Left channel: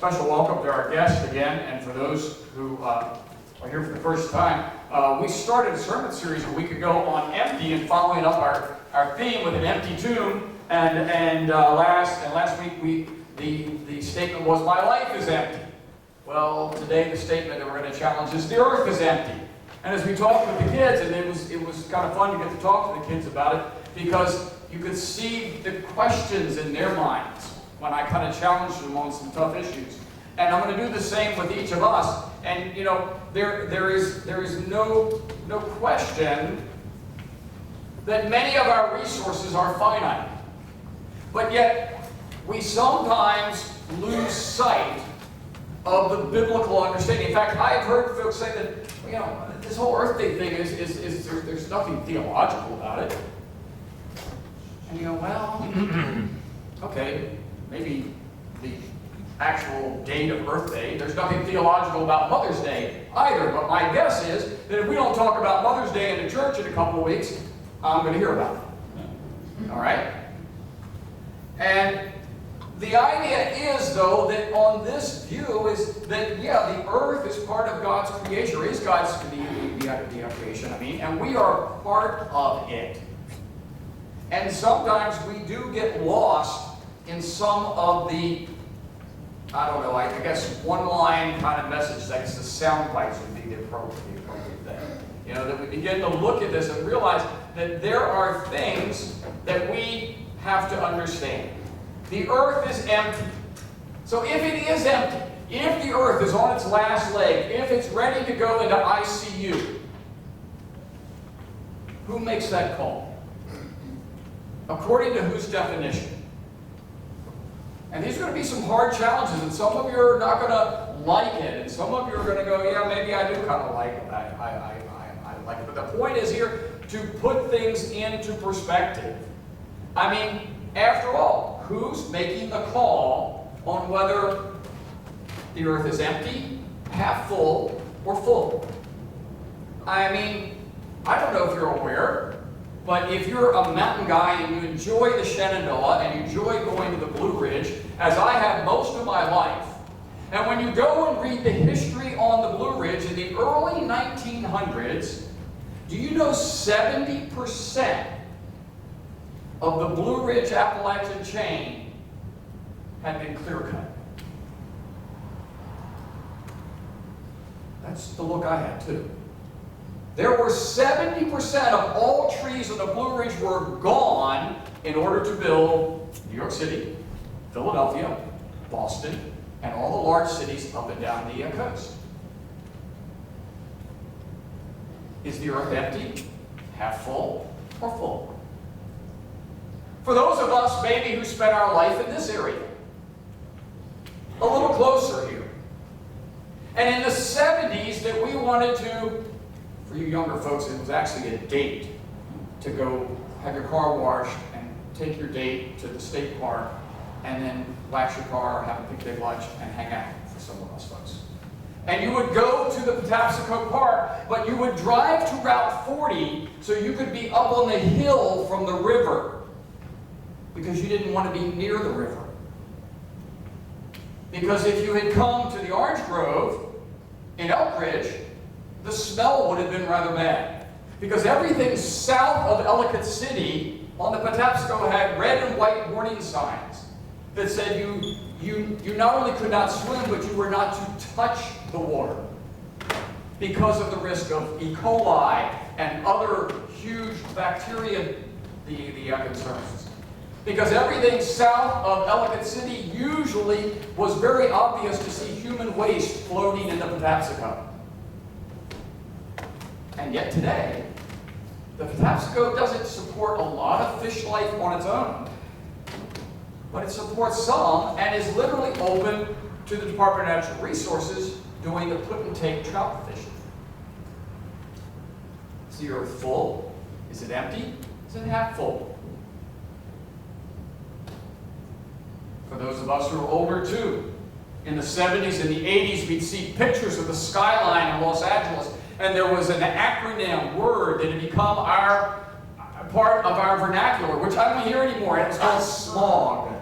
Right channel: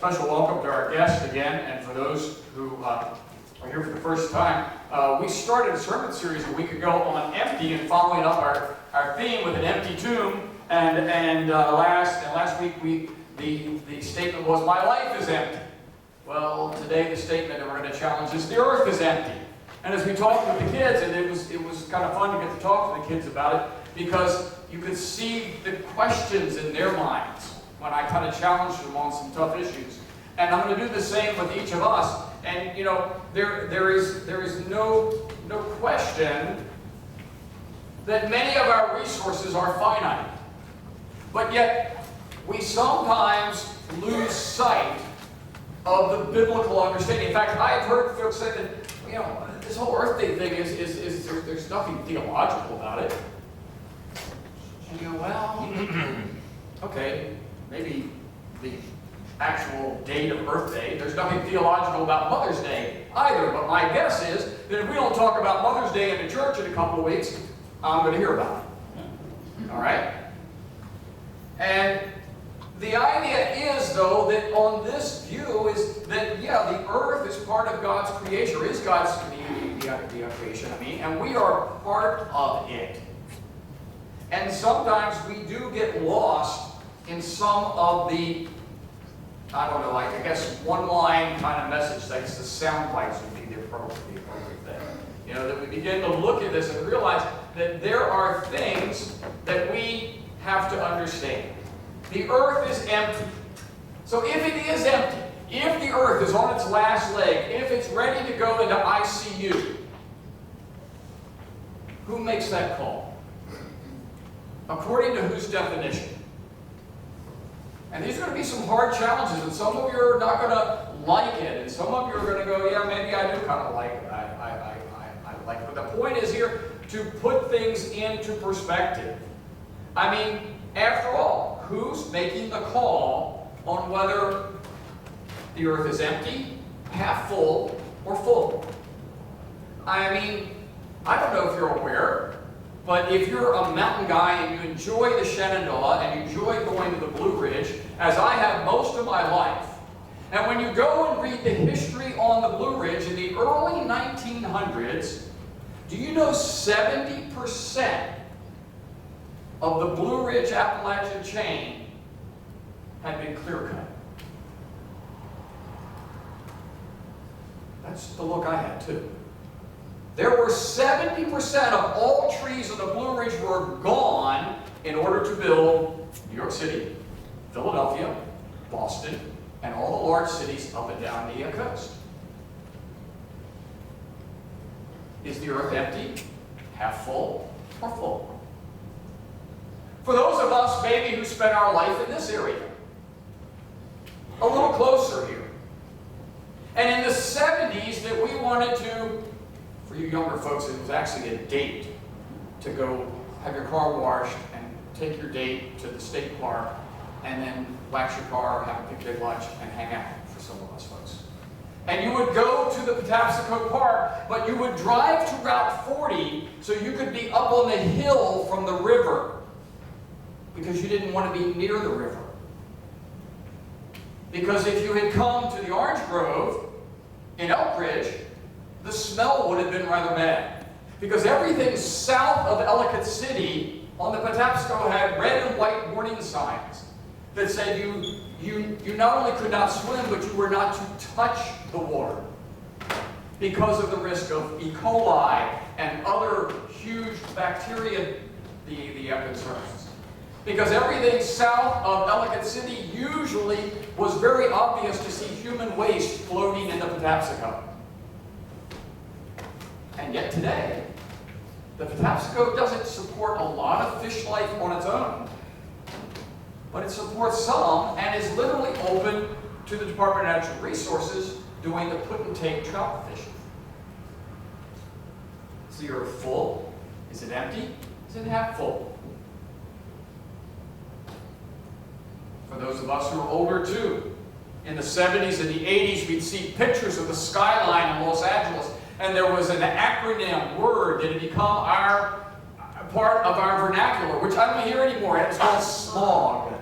special welcome to our guests again, and for those who are here for the first time. We started a sermon series a week ago on empty and following up our theme with an empty tomb. And last week the statement was, my life is empty. Well, today the statement that we're going to challenge is, the earth is empty. And as we talked with the kids, and it was kind of fun to get to talk to the kids about it, because you could see the questions in their minds when I kind of challenged them on some tough issues. And I'm going to do the same with each of us. And you know, there is no question that many of our resources are finite. But yet, we sometimes lose sight of the biblical understanding. In fact, I have heard folks say that, you know, this whole Earth Day thing there's nothing theological about it. And you go, well, okay, maybe the actual date of Earth Day, there's nothing theological about Mother's Day either. But my guess is that if we don't talk about Mother's Day in the church in a couple of weeks, I'm going to hear about it. All right? And the idea is, though, that on this view is that, yeah, the earth is part of God's creation, or is God's the creation, and we are part of it. And sometimes we do get lost in some of the, I don't know, I guess one-line kind of message. I guess the sound bites would be the appropriate thing. You know, that we begin to look at this and realize that there are things that we have to understand. The earth is empty. So if it is empty, if the earth is on its last leg, if it's ready to go into ICU, who makes that call? According to whose definition? And these are going to be some hard challenges, and some of you are not going to like it, and some of you are going to go, yeah, maybe I do kind of like it. I like it. But the point is here to put things into perspective. I mean, after all, who's making the call on whether the earth is empty, half full, or full? I mean, I don't know if you're aware, but if you're a mountain guy and you enjoy the Shenandoah and you enjoy going to the Blue Ridge, as I have most of my life, and when you go and read the history on the Blue Ridge in the early 1900s, do you know 70% of the Blue Ridge Appalachian chain had been clear-cut? That's the look I had, too. There were 70% of all trees on the Blue Ridge were gone in order to build New York City, Philadelphia, Boston, and all the large cities up and down the coast. Is the earth empty, half full, or full? For those of us, maybe, who spent our life in this area, a little closer here, and in the 70s that we wanted to, for you younger folks, it was actually a date to go have your car washed and take your date to the state park and then wax your car, have a picnic lunch, and hang out for some of us folks. And you would go to the Patapsco Park, but you would drive to Route 40 so you could be up on the hill from the river, because you didn't want to be near the river. Because if you had come to the Orange Grove in Elk Ridge, the smell would have been rather bad. Because everything south of Ellicott City on the Patapsco had red and white warning signs that said you not only could not swim, but you were not to touch the water because of the risk of E. coli and other huge bacteria, the concerns. Because everything south of Ellicott City usually was very obvious to see human waste floating in the Patapsco. And yet today, the Patapsco doesn't support a lot of fish life on its own, but it supports some and is literally open to the Department of Natural Resources doing the put-and-take trout fishing. Is the earth full? Is it empty? Is it half full? For those of us who are older too, in the 70s and the 80s, we'd see pictures of the skyline in Los Angeles, and there was an acronym word that had become part of our vernacular, which I don't hear anymore, and it's called smog.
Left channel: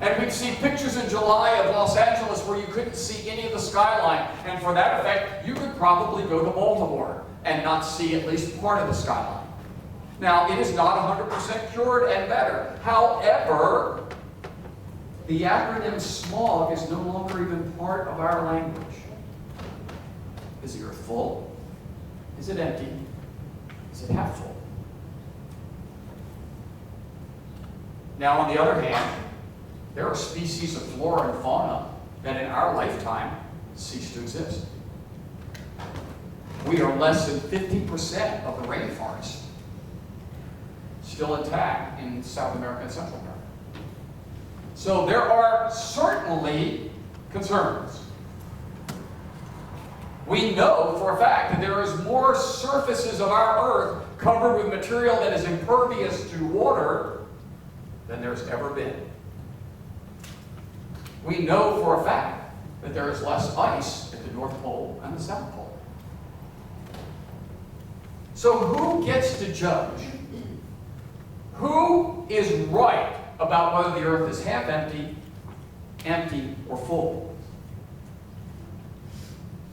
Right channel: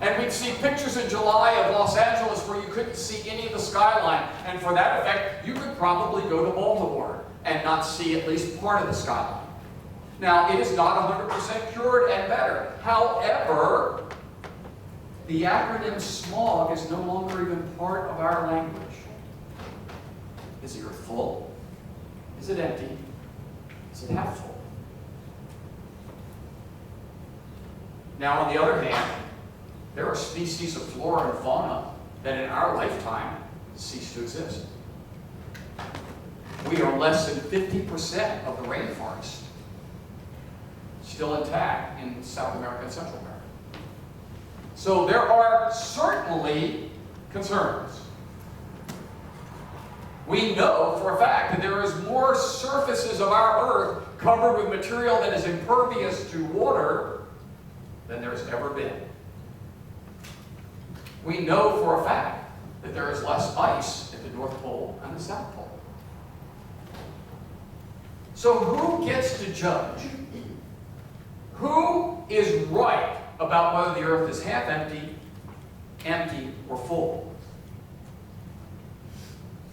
And we'd see pictures in July of Los Angeles where you couldn't see any of the skyline. And for that effect, you could probably go to Baltimore and not see at least part of the skyline. Now, it is not 100% cured and better. However, the acronym SMOG is no longer even part of our language. Is the earth full? Is it empty? Is it half full? Now, on the other hand, there are species of flora and fauna that in our lifetime cease to exist. We are less than 50% of the rainforest still intact in South America and Central America. So there are certainly concerns. We know for a fact that there is more surfaces of our earth covered with material that is impervious to water than there's ever been. We know for a fact that there is less ice at the North Pole and the South Pole. So who gets to judge? Who is right about whether the earth is half empty, empty, or full?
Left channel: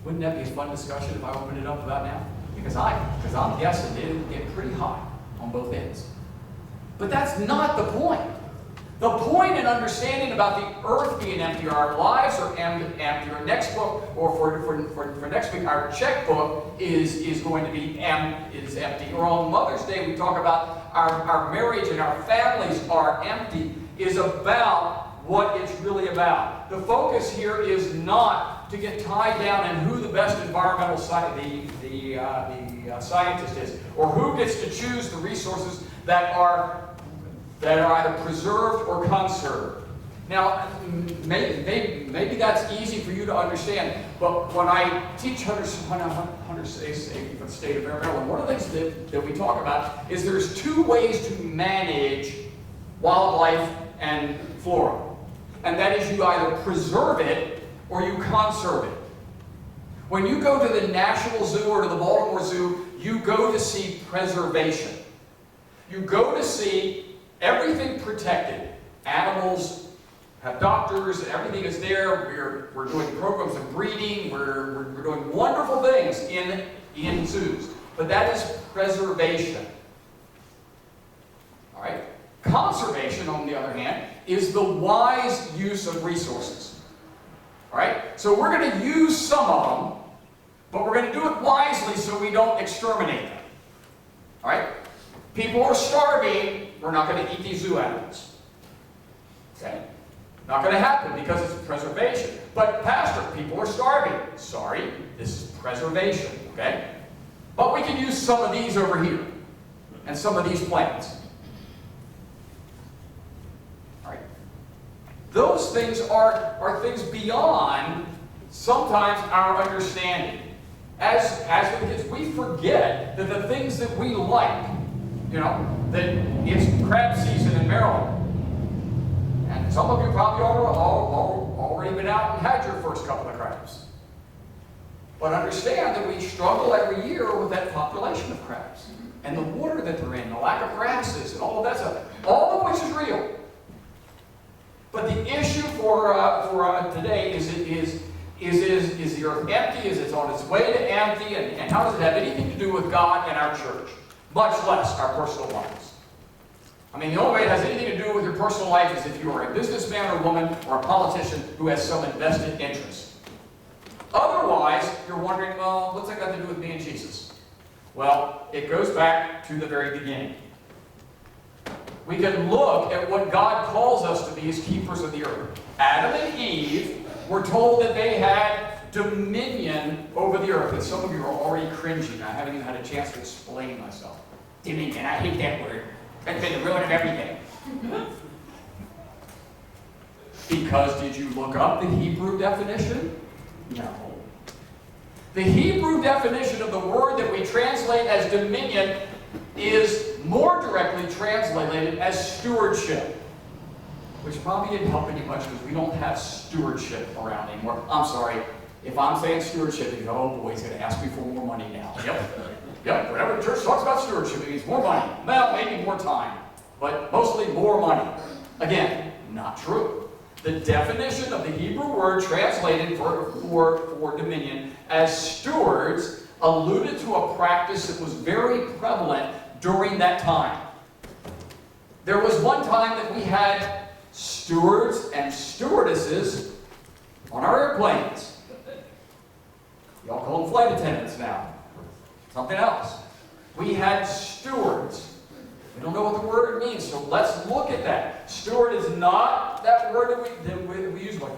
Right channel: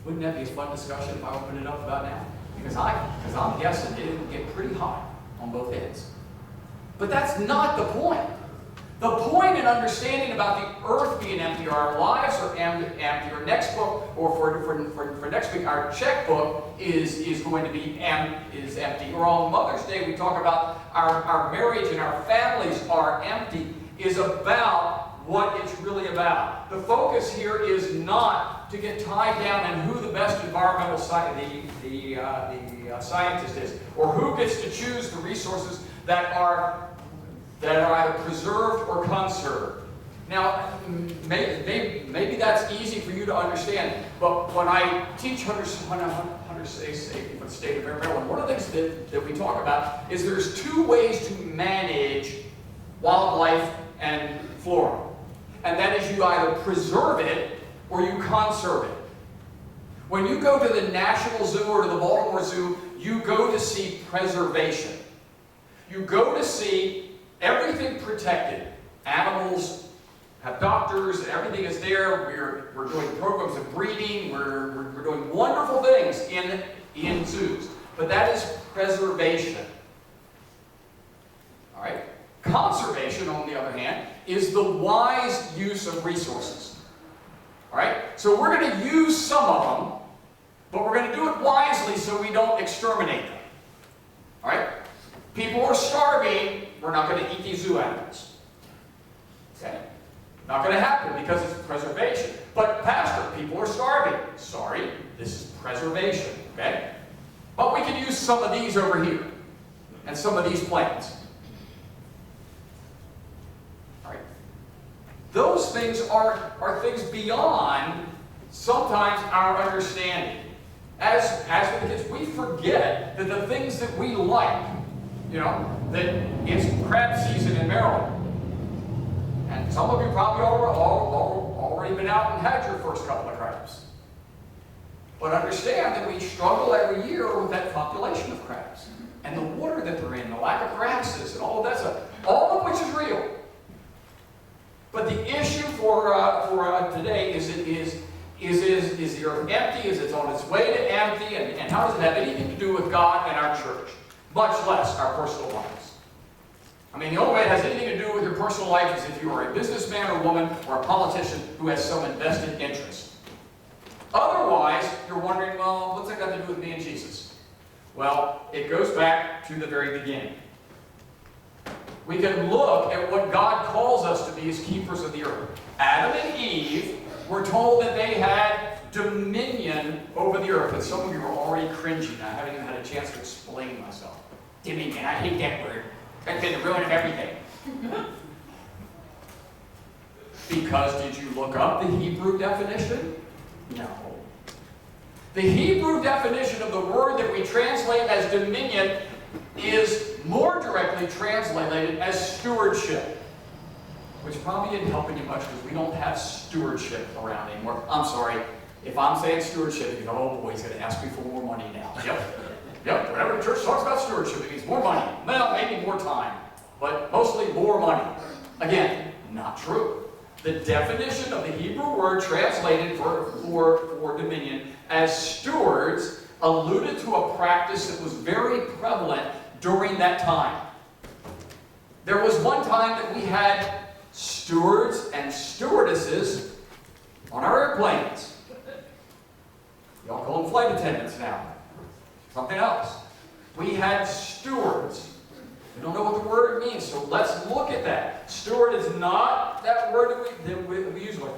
Wouldn't that be a fun discussion if I opened it up about now? Because I'm guessing it'd get pretty hot on both ends. But that's not the point. The point in understanding about the earth being empty, or our lives are empty, or next book, or for next week, our checkbook is going to be empty. Or on Mother's Day, we talk about our marriage and our families are empty, is about what it's really about. The focus here is not to get tied down in who the best environmental scientist is, or who gets to choose the resources that are either preserved or conserved. Now, maybe that's easy for you to understand, but when I teach hunter safety for the state of Maryland, one of the things that we talk about is there's two ways to manage wildlife and flora. And that is you either preserve it or you conserve it. When you go to the National Zoo or to the Baltimore Zoo, you go to see preservation. You go to see everything protected. Animals have doctors, everything is there. We're doing programs of breeding. We're doing wonderful things in zoos. But that is preservation. All right? Conservation, on the other hand, is the wise use of resources. All right? So we're going to use some of them, but we're going to do it wisely so we don't exterminate them. All right? People are starving. We're not going to eat these zoo animals. Okay? Not going to happen because it's preservation. But Pastor, people are starving. Sorry, this is preservation. Okay? But we can use some of these over here and some of these plants. All right? Those things are things beyond sometimes our understanding. As with the kids, we forget that the things that we like, that it's crab season in Maryland. And some of you probably already been out and had your first couple of crabs. But understand that we struggle every year with that population of crabs. And the water that they're in, the lack of grasses, and all of that stuff. All of which is real. But the issue for today is the earth empty? Is it on its way to empty? And how does it have anything to do with God and our church? Much less our personal lives. I mean, the only way it has anything to do with your personal life is if you are a businessman or woman or a politician who has some invested interest. Otherwise, you're wondering, well, what's that got to do with me and Jesus? Well, it goes back to the very beginning. We can look at what God calls us to be as keepers of the earth. Adam and Eve were told that they had dominion over the earth. And some of you are already cringing. I haven't even had a chance to explain myself. Dominion, I hate that word. That's been the ruin of everything. Because did you look up the Hebrew definition? No. The Hebrew definition of the word that we translate as dominion is more directly translated as stewardship. Which probably didn't help any much because we don't have stewardship around anymore. I'm sorry. If I'm saying stewardship, you go, oh boy, he's going to ask me for more money now. Yep, whenever the church talks about stewardship, it means more money. Well, maybe more time, but mostly more money. Again, not true. The definition of the Hebrew word translated for dominion as stewards alluded to a practice that was very prevalent during that time. There was one time that we had stewards and stewardesses on our airplanes. Y'all call them flight attendants now. Something else. We had stewards. We don't know what the word means, so let's look at that. Steward is not that word that we use much,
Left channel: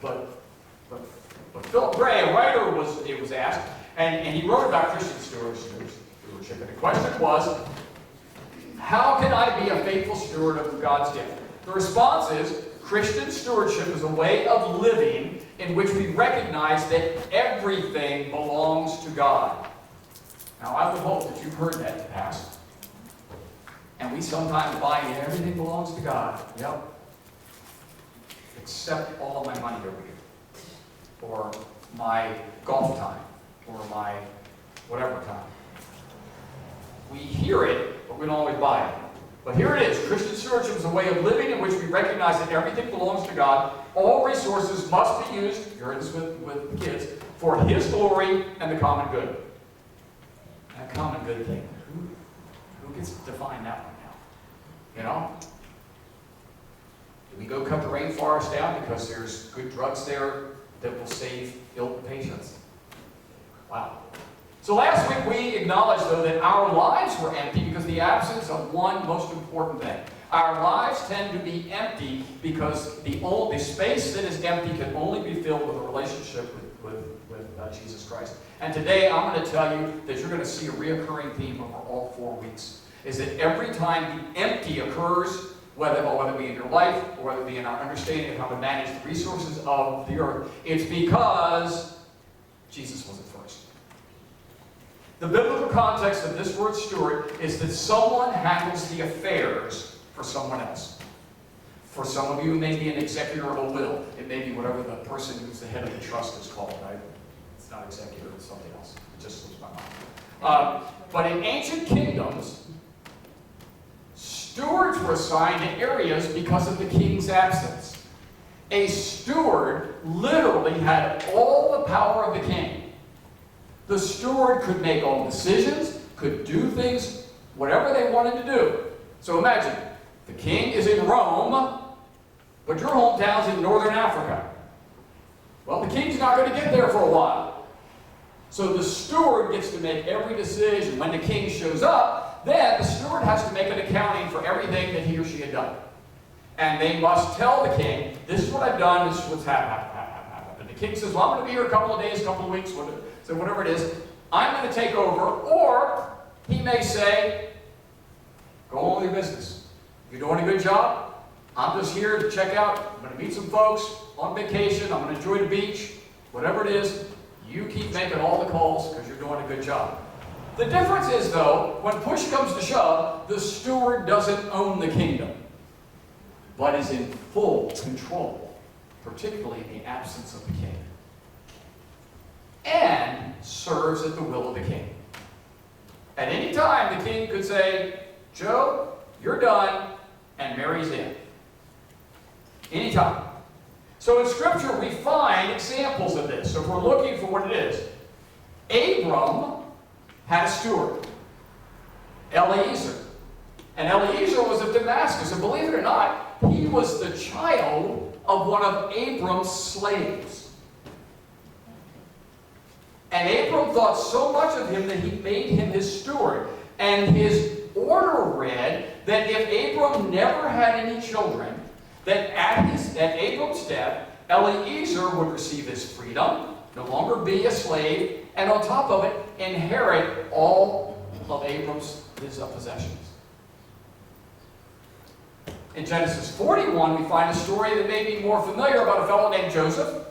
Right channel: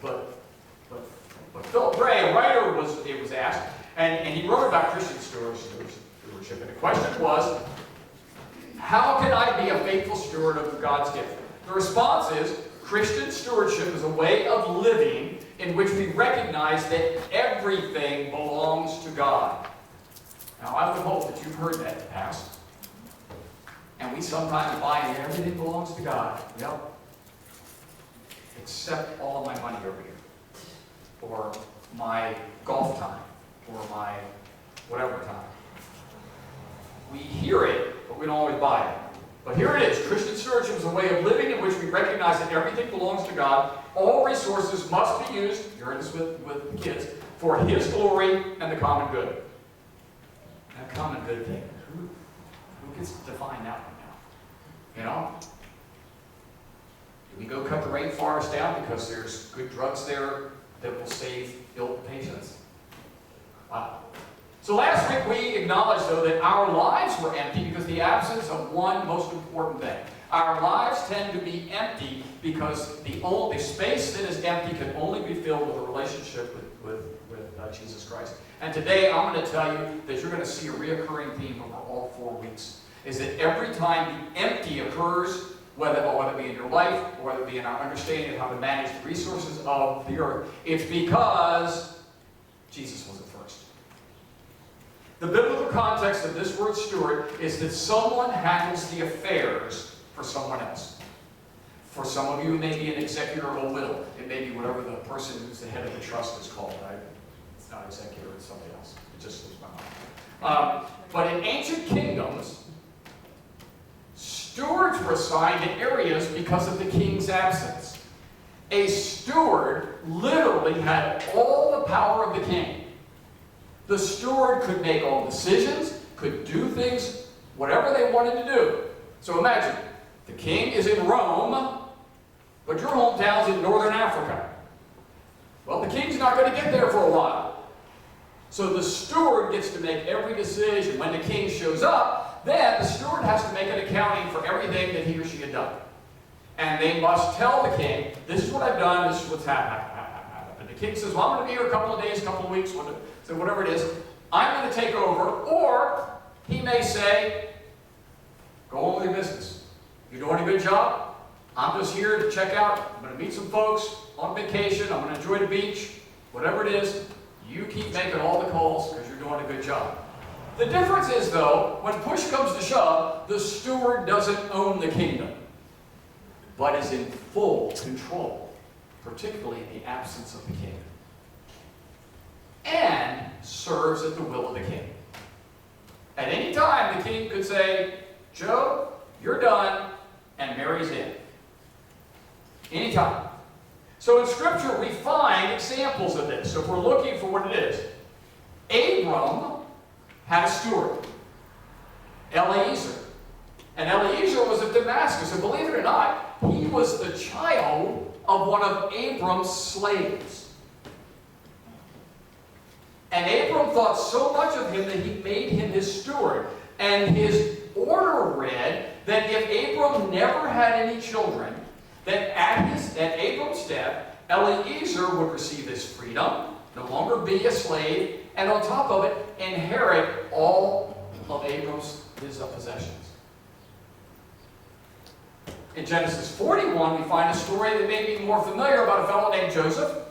but Philip Gray, a writer, was asked, and he wrote about Christian stewardship, and the question was, how can I be a faithful steward of God's gift? The response is, Christian stewardship is a way of living in which we recognize that everything belongs to God. Now, I would hope that you've heard that in the past. And we sometimes buy everything belongs to God. Yep. Except all of my money over here. Or my golf time. Or my whatever time. We hear it, but we don't always buy it. But here it is. Christian stewardship is a way of living in which we recognize that everything belongs to God. All resources must be used, you heard this with the kids, for His glory and the common good. That common good thing. Who gets to define that one now? You know? Do we go cut the rainforest down because there's good drugs there that will save ill patients? Wow. So last week we acknowledged, though, that our lives were empty because of the absence of one most important thing. Our lives tend to be empty because the space that is empty can only be filled with a relationship with Jesus Christ. And today I'm going to tell you that you're going to see a reoccurring theme over all 4 weeks, is that every time the empty occurs, whether it be in your life or whether it be in our understanding of how to manage the resources of the earth, it's because Jesus wasn't first. The biblical context of this word steward is that someone handles the affairs for someone else. For some of you, it may be an executor of a will. It may be whatever the person who's the head of the trust is called, right? It's not executor, it's something else. It just slips my mind. But in ancient kingdoms, stewards were assigned to areas because of the king's absence. A steward literally had all the power of the king. The steward could make all decisions, could do things, whatever they wanted to do. So imagine, the king is in Rome, but your hometown's in northern Africa. Well, the king's not going to get there for a while. So the steward gets to make every decision. When the king shows up, then the steward has to make an accounting for everything that he or she had done. And they must tell the king, this is what I've done, this is what's happened. And the king says, well, I'm going to be here a couple of days, a couple of weeks, so whatever it is, I'm going to take over. Or he may say, go on with your business. You're doing a good job. I'm just here to check out. I'm going to meet some folks on vacation. I'm going to enjoy the beach. Whatever it is, you keep making all the calls because you're doing a good job. The difference is, though, when push comes to shove, the steward doesn't own the kingdom, but is in full control, particularly in the absence of the king, and serves at the will of the king. At any time, the king could say, Joe, you're done, and Mary's in. Anytime. So in Scripture, we find examples of this. So if we're looking for what it is, Abram had a steward, Eliezer. And Eliezer was of Damascus. And believe it or not, he was the child of one of Abram's slaves. And Abram thought so much of him that he made him his steward. And his order read that if Abram never had any children, that at Abram's death, Eliezer would receive his freedom, no longer be a slave, and on top of it, inherit all of his possessions. In Genesis 41, we find a story that may be more familiar about a fellow named Joseph.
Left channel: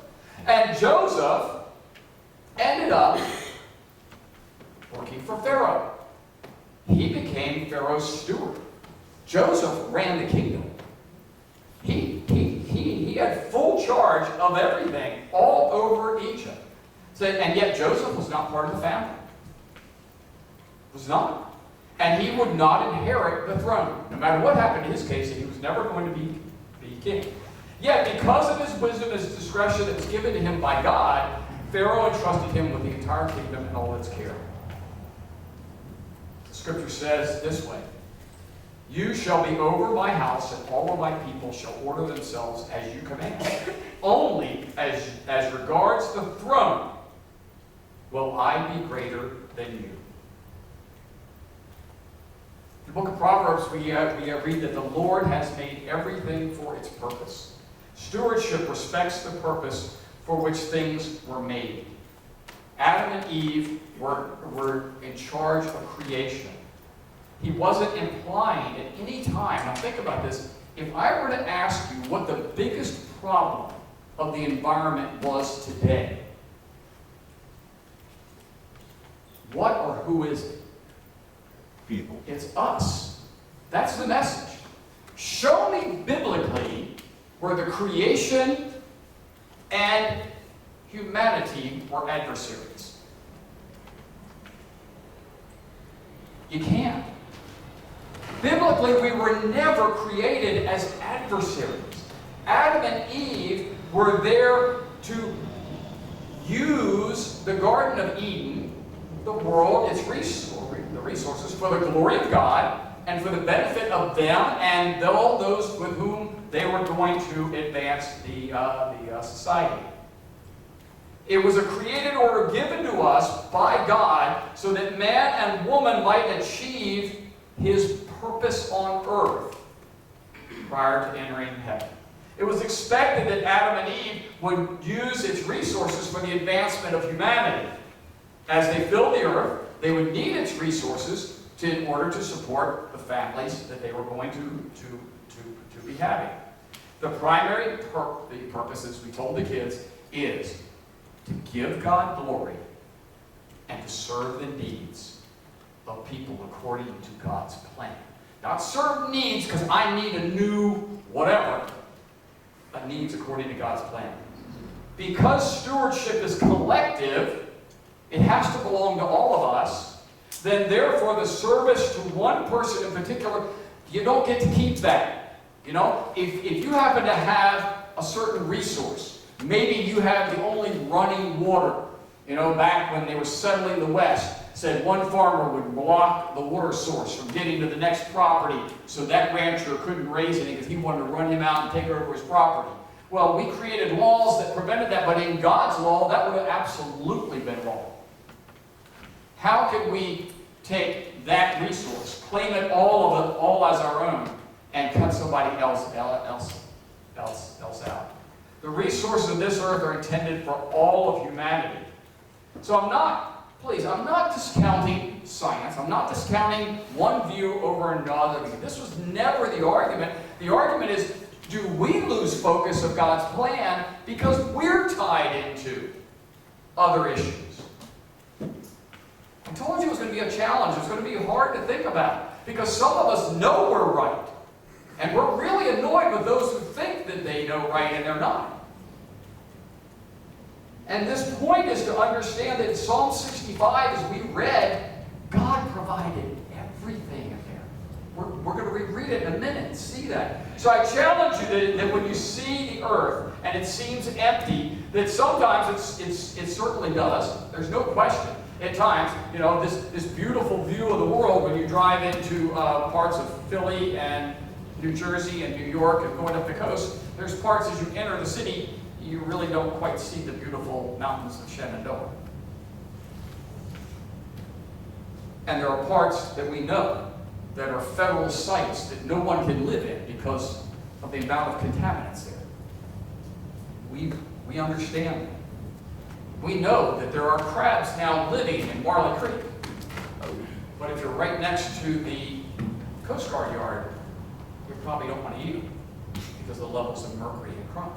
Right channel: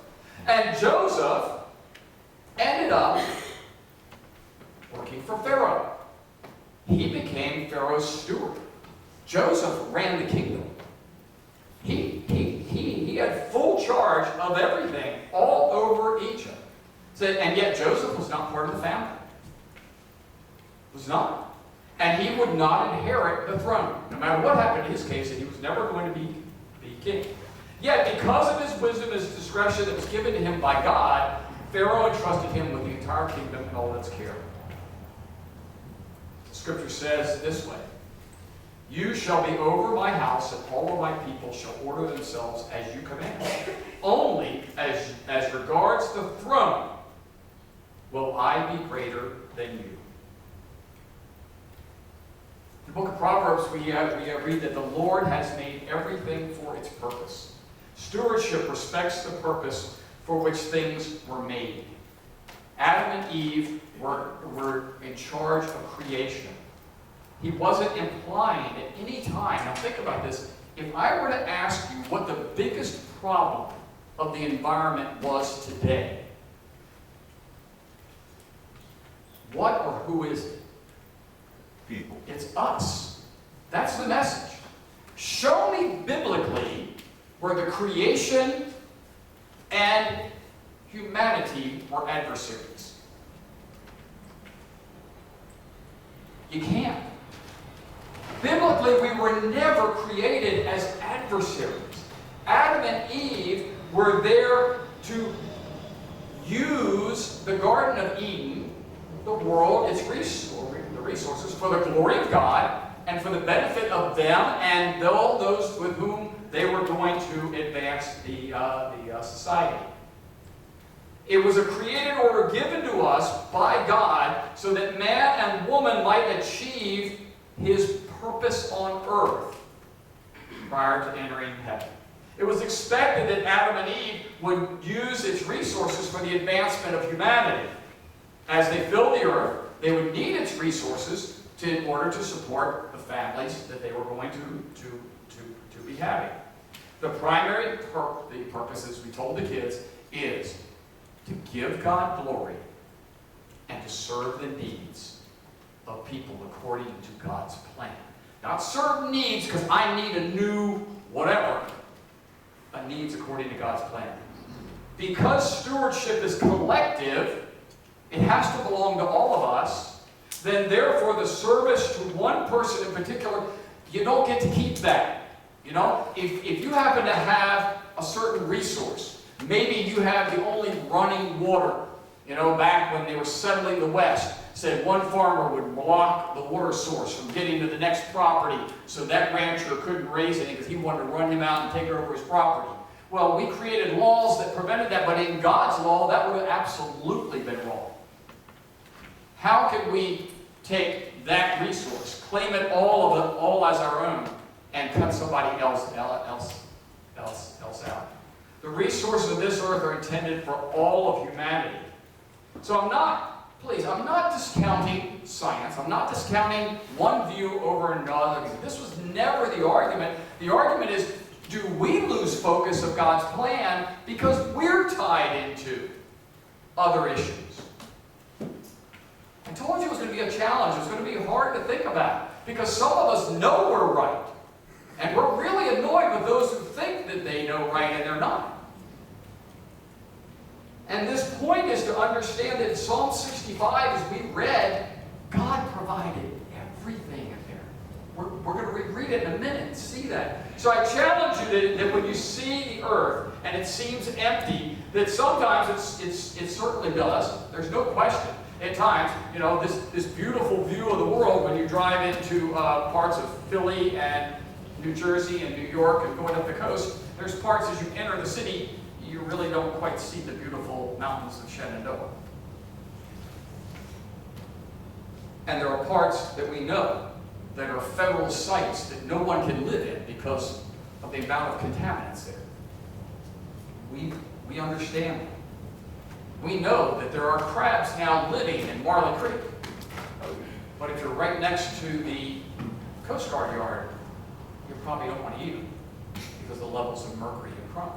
And Joseph ended up working for Pharaoh. He became Pharaoh's steward. Joseph ran the kingdom. He had full charge of everything all over Egypt. And yet Joseph was not part of the family. Was not. And he would not inherit the throne. No matter what happened in his case, he was never going to be king. Yet Yet, because of his wisdom and his discretion that was given to him by God, Pharaoh entrusted him with the entire kingdom and all its care. The scripture says this way, "You shall be over my house, and all of my people shall order themselves as you command. Only as regards the throne will I be greater than you." In the book of Proverbs, we read that the Lord has made everything for its purpose. Stewardship respects the purpose for which things were made. Adam and Eve were in charge of creation. He wasn't implying at any time, now think about this, if I were to ask you what the biggest problem of the environment was today, what or who is it? People. It's us. That's the message. Show me biblically where the creation and humanity were adversaries. You can't. Biblically, we were never created as adversaries. Adam and Eve were there to use the Garden of Eden, the world, its resources, for the glory of God and for the benefit of them and all those with whom they were going to advance the society. It was a created order given to us by God so that man and woman might achieve his purpose on earth prior to entering heaven. It was expected that Adam and Eve would use its resources for the advancement of humanity. As they filled the earth, they would need its resources in order to support the families that they were going to be having. The primary purpose, as we told the kids, is to give God glory and to serve the needs of people according to God's plan. Not serve needs because I need a new whatever, but needs according to God's plan. Because stewardship is collective, it has to belong to all of us, then therefore the service to one person in particular, you don't get to keep that. You know, if you happen to have a certain resource, maybe you have the only running water. You know, back when they were settling the West, said one farmer would block the water source from getting to the next property so that rancher couldn't raise anything because he wanted to run him out and take over his property. Well, we created laws that prevented that, but in God's law, that would have absolutely been wrong. How can we take that resource, claim it all as our own, and cut somebody else out? The resources of this earth are intended for all of humanity. So I'm not discounting science. I'm not discounting one view over another. This was never the argument. The argument is, do we lose focus of God's plan because we're tied into other issues? I told you it was going to be a challenge. It was going to be hard to think about because some of us know we're right. And we're really annoyed with those who think that they know right and they're not. And this point is to understand that in Psalm 65, as we read, God provided everything in there. We're going to reread it in a minute and see that. So I challenge you that when you see the earth and it seems empty, that sometimes it certainly does. There's no question. At times, you know, this beautiful view of the world when you drive into parts of Philly and New Jersey and New York and going up the coast, there's parts as you enter the city, you really don't quite see the beautiful mountains of Shenandoah. And there are parts that we know that are federal sites that no one can live in because of the amount of contaminants there. We understand that. We know that there are crabs now living in Marley Creek. But if you're right next to the Coast Guard yard, you probably don't want to eat them because of the levels of mercury and chrome.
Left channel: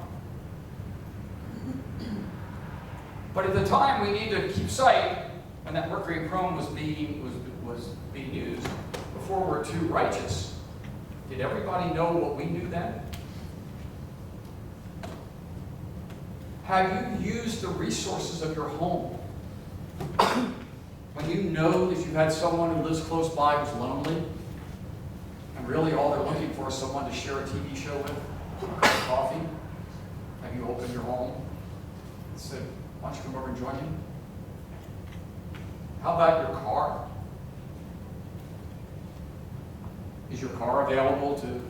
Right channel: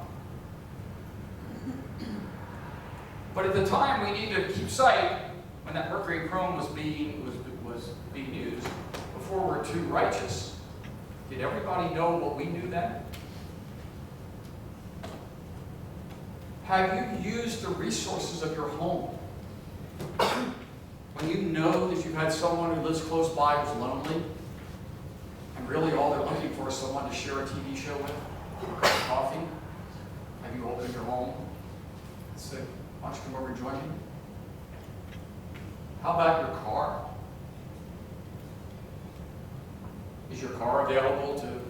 But at the time we need to keep sight, when that mercury and chrome was being used, before we're too righteous, did everybody know what we knew then? Have you used the resources of your home? When you know that you had someone who lives close by who's lonely, and really all they're looking for is someone to share a TV show with, or a cup of coffee, your home and said, why don't you come over and join me? How about your car? Is your car available to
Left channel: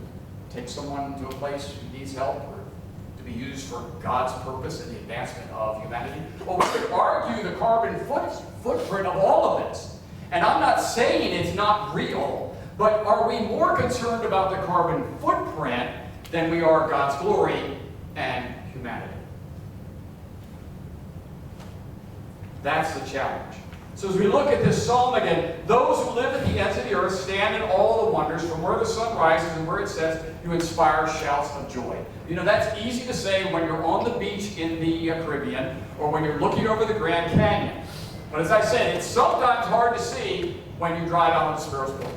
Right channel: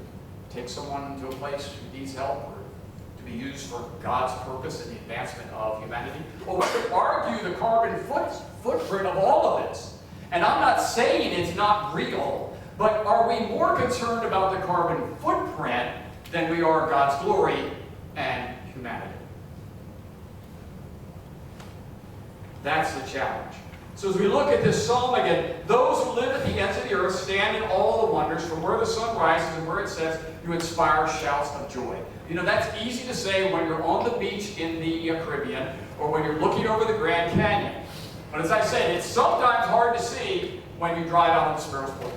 take someone to a place who needs help or to be used for God's purpose in the advancement of humanity? Well, we could argue the carbon footprint of all of this. And I'm not saying it's not real, but are we more concerned about the carbon footprint than we are God's glory and humanity? That's the challenge. So as we look at this psalm again, those who live at the ends of the earth stand in all the wonders. From where the sun rises and where it sets, you inspire shouts of joy. You know, that's easy to say when you're on the beach in the Caribbean or when you're looking over the Grand Canyon. But as I said, it's sometimes hard to see when you drive out on the Sparrows Point.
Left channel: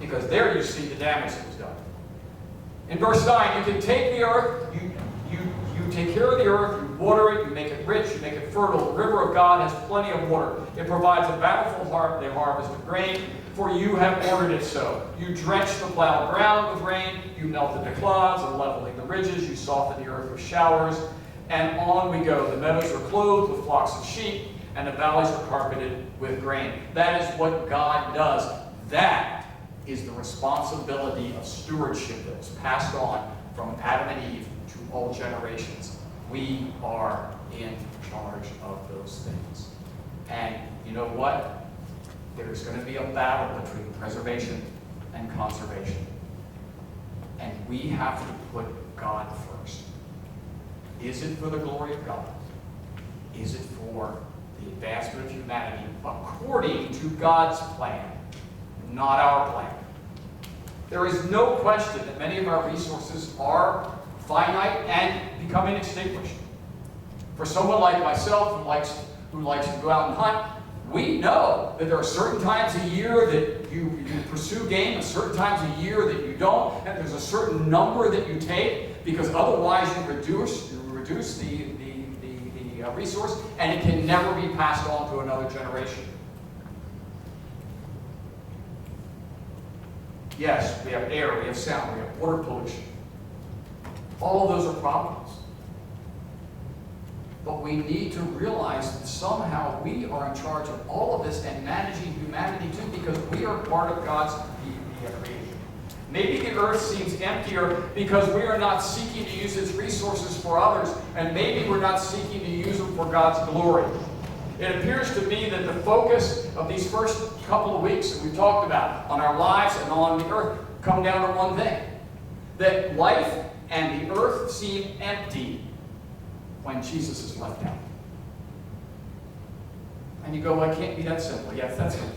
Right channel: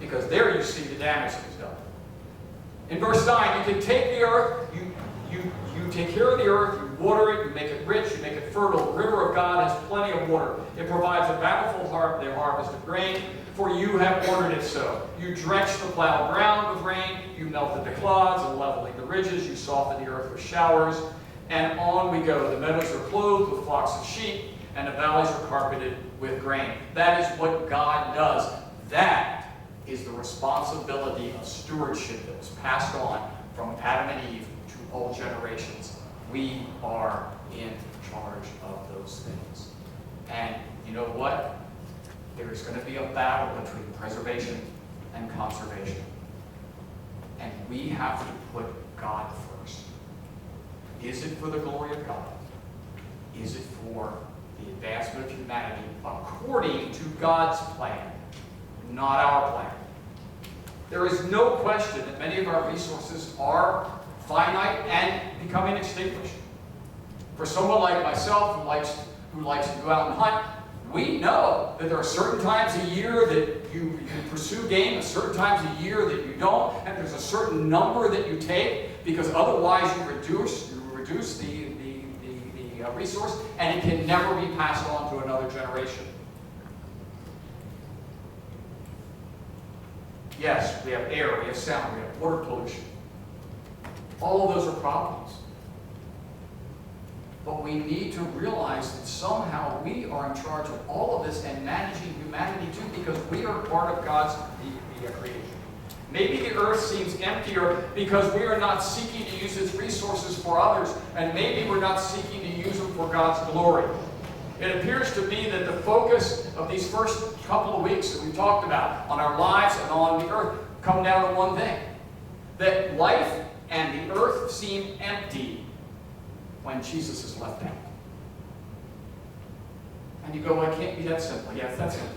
Because there you see the damage that was done. In verse 9, you can take the earth, you take care of the earth, you water it, you make it rich, you make it fertile. The river of God has plenty of water. It provides a bountiful harvest of grain, for you have ordered it so. You drench the plowed ground with rain, you melted the clods and leveling the ridges, you soften the earth with showers, and on we go. The meadows are clothed with flocks of sheep, and the valleys are carpeted with grain. That is what God does. That is the responsibility of stewardship that was passed on from Adam and Eve to all generations. We are in charge of those things. And you know what? There's going to be a battle between preservation and conservation. And we have to put God first. Is it for the glory of God? Is it for the advancement of humanity according to God's plan, not our plan? There is no question that many of our resources are finite and becoming extinguished. For someone like myself who likes to go out and hunt, we know that there are certain times a year that you pursue game and certain times a year that you don't, and there's a certain number that you take because otherwise you reduce the resource, and it can never be passed on to another generation. Yes, we have air, we have sound, we have water pollution. All of those are problems. But we need to realize that somehow we are in charge of all of this and managing humanity too, because we are part of God's the creation. Maybe the earth seems emptier because we are not seeking to use its resources for others, and maybe we're not seeking to use them for God's glory. It appears to me that the focus of these first couple of weeks that we talked about on our lives and on the earth come down to one thing. That life and the earth seem empty when Jesus is left out. And you go, well, it can't be that simple. Yes, that's simple.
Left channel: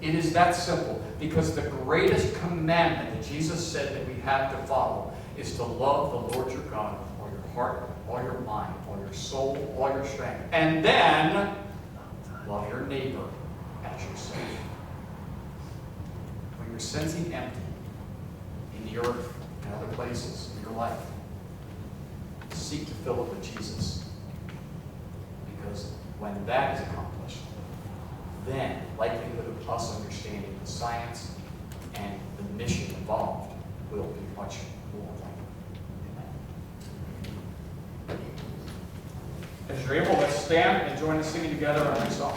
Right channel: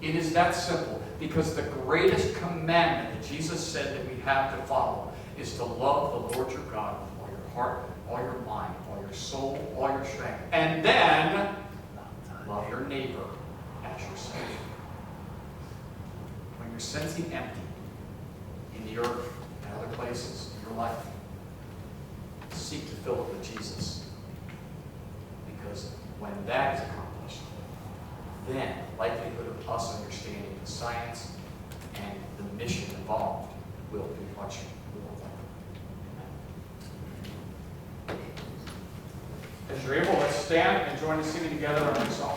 It is that simple because the greatest commandment that Jesus said that we have to follow is to love the Lord your God with all your heart, all your mind, all your soul, all your strength. And then love your neighbor as yourself. When you're sensing empty in the earth and other places in your life, seek to fill it with Jesus. Because when that is accomplished, then likelihood of us understanding the science and the mission involved will be much more likely. As you're able, let's stand and join us singing together our next song.